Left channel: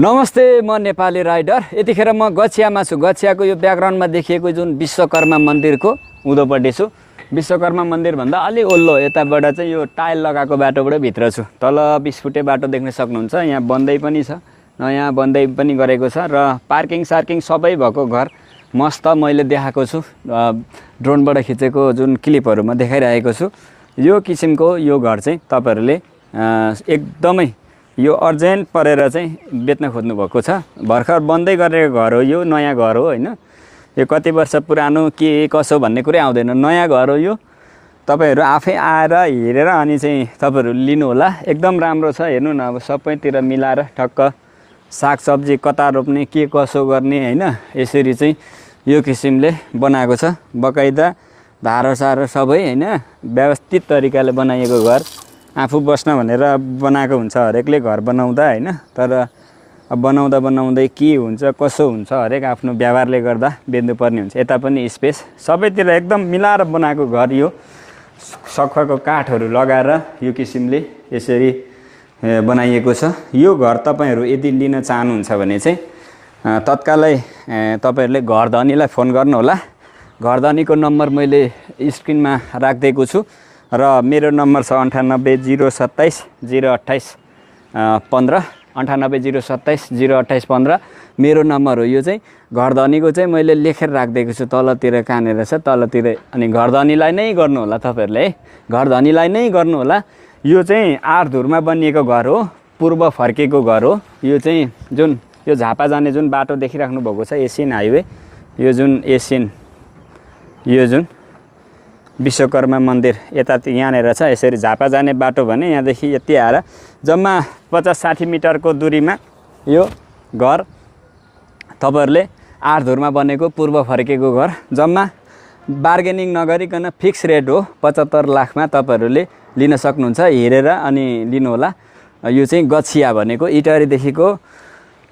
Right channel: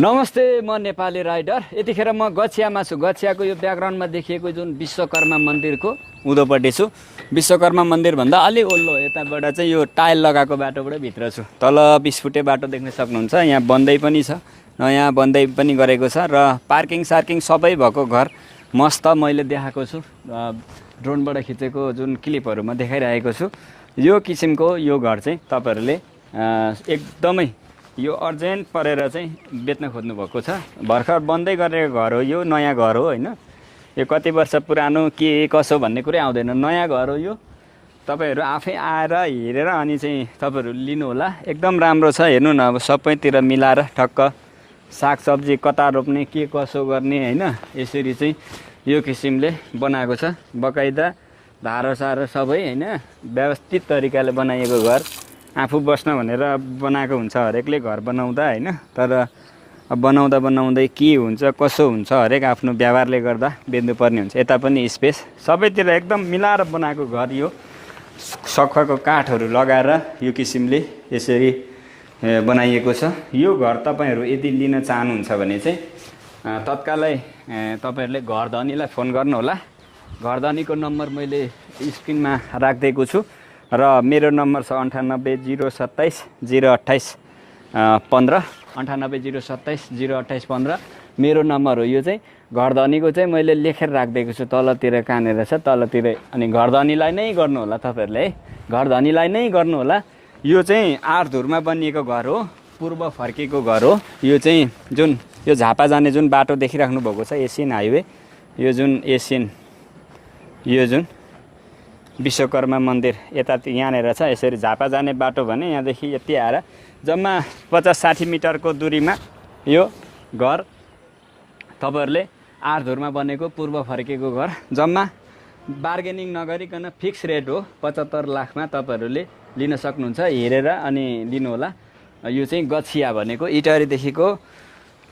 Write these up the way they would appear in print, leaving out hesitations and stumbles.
नमस्ते, म नेपाली राइडर। यतिखेर म गछियामा छु। गछियाको यो ब्याकग्राउन्डमा देखिएको जुन विश्वकर्मा मन्दिरको उँधोपट्टि छु। विश्वकर्मा मन्दिर भन्दा अलि ओल्लो यताबाट चाहिँ यो टाइल लगाएको बाटोबाट भित्र छु। तल 20 फुटे बाटो देख्न सक्नुहुन्छ। यहाँ बन्दै पनि छ, नयाँ बन्दै पनि गरेको छ र पार्किङ सार्किङ सबै भएको घर मस्त मैले देखाएको छु। ड्रोनबाट खिचेको जुन क्लिपहरुमा देखाइरहेको छु। यो किसिमको यो घर चाहिँ तपाईहरुले एकदमै यो अर्जेन्ट परेर चाहिँ बेच्न खोज्नु भएको छ। भर्खर बन्दै गरेको घर हो, यो नयाँ घर हो हैन। यो कति वर्ष पुरानो के कसो भन्ने कुरै आउँदैन, नयाँ घर हो यो। तपाईहरु आफै आएर हेरेर अनि चाहिँ तपाईहरु लिनु होला। एकदम राम्रो छ, हेर्नु न। अब सबैतिर मिलाएर ठक्क सागसब्जी कता रोप्ने के कसो गर्ने हैन, यसरी चाहिँ यो किसिमले बनाएको छ। बकाइदा धारो सबै हैन, व्यवस्थित तरिकाले बनाइएको घर। आफू बस्न भनेर बनाएको हुन्छ हरेकले घर बनाउँदा हैन। तर अब बनाउँदै के हुन्छ कसो हुन्छ हरेक आफ्नो व्यवहारले गर्दा बेच्नु पर्ने हुन्छ। यता पनि स्पेस सबैतिर एकदम मिलाएर बनाएको घर। यो सखुवाको काठहरु लगाएर यो किसिमले यसरी बनाइएको छ। यो घर तपाईहरु यदि लिन चाहनुहुन्छ भने चाहिँ तत्कालै तपाईहरुले घरधनीलाई फोन गर्नु होला। घरधनीको नम्बर मैले स्क्रिनमा राख्दैको छु र मेरो नम्बर छ 98 027 028 15 98 027 028 15। मेरो नम्बर हो यो चाहिँ। घरधनीको चाहिँ मैले लेखेर राख्दैको छु तलतिर कहाँनेर छ तलतिर। अनि घरधनीलाई नै गर्नु होला तपाईहरुले है, घरधनीलाई नै गर्नु होला। यो चाहिँ 8 धुरमा बनिएको घर हो, पूर्व फर्केको घर हो। यो चाहिँ जुन यो झापा जाने जुन बाटो देखिराख्नु भएको छ एशियन हाइवे, यो जुन एशियन यो जुन विश्वकर्मा मन्दिर यता यहाँनेर छ। यसरी झापा जाने बाटो भने यहाँदेखि यति आएर जम्मा 50-60 मिटरको दूरीमा यो घर तपाईहरुले 8 धुरमा बनेको पूर्व फर्केको घर। जम्मा बार्गेनिङ नगरिकन फिक्स रेट हो, 75 लाखमा तपाईहरुले लिन सक्नुहुन्छ। हेरेर अनि लिनु होला। यो चाहिँ गछिया भनेको इटहरीदेखिको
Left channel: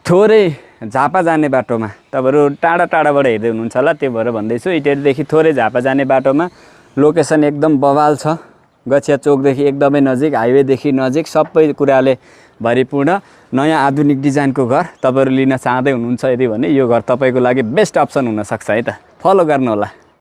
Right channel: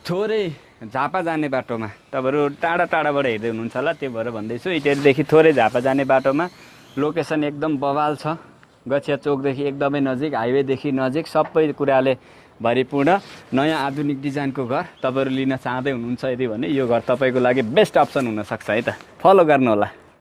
थोरै झापा जाने बाटोमा। तपाईहरु टाढाबाट हेर्दै हुनुहुन्छ होला, त्यो भएर भन्दैछु। इटहरीदेखि थोरै झापा जाने बाटोमा लोकेसन एकदम बवाल छ। गछिया चोकदेखि एकदमै नजिक, हाइवेदेखि नजिक, सबै कुराले भरिपूर्ण नयाँ आधुनिक डिजाइनको घर तपाईहरु लिन चाहदै हुनुहुन्छ यदि भने यो घर तपाईको लागि बेस्ट अप्सन हुन सक्छ है त। फलो गर्नु होला।